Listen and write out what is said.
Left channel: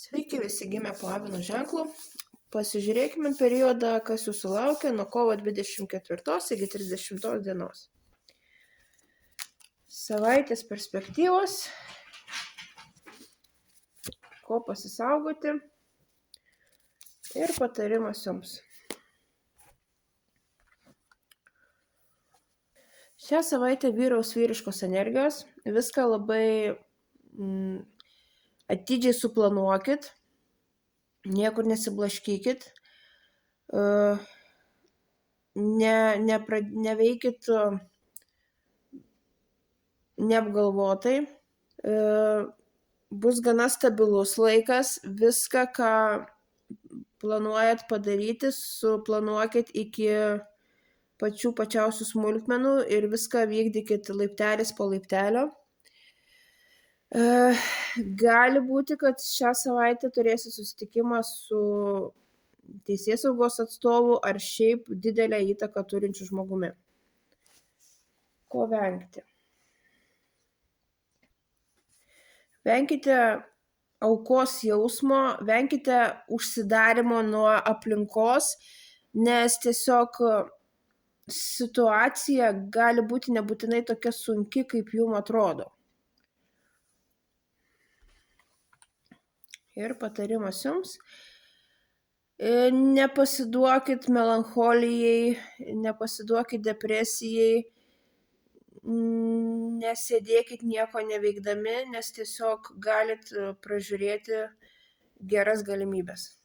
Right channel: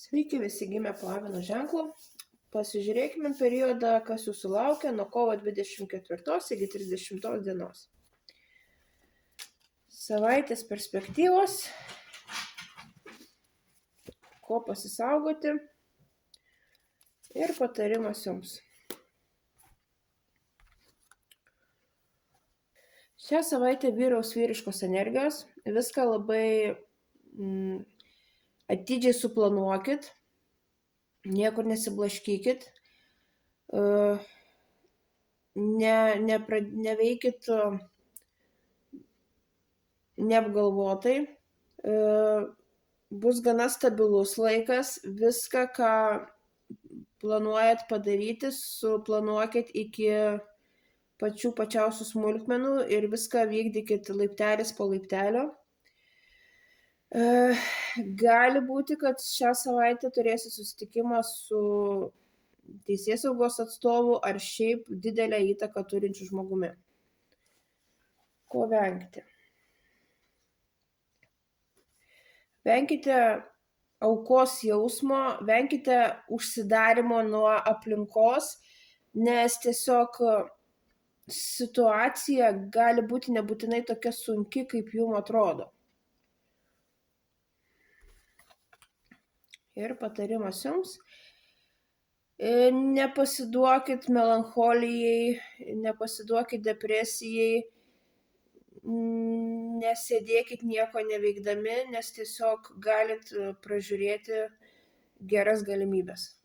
Sveiki visi gimę po avino ženklu. Pasižiūrėkime periodą, kas jūsų laukia nuo kovo 24 iki 30 dienos. Savaitės perspektyvos, ko pasisaugoti ir patarimas jums. Šią savaitę vyraus vyriškos energijos, viską labai atidžiai suplanuokit, niekur nesiblaškykit, neveikit neapgalvotai, bus gana stabilus laikas, viską, ką planuojat padaryti, suplanuokit iki pačiausių smulkmenų ir viską vykdykit laiptelis po laiptelio. Gali būti, kad šią savaitę turėsit susitikimą su teisėsaugos atstovu ar šiaip didelę įtaką turinčiu žmogumi. Ko vengti? Venkite aukos jausmo, venkite užsidarimo nuo aplinkos, nes tiesiog situacija gali būti nebūtinai tokia sunki, kaip jum atrodo. Ir patarimas jums. Nepasiduokit melancholijai, nepasiduokit depresijai, nesėdėkit nieko neveikdami, nes tiesiog galit pražiūrėti geras galimybes.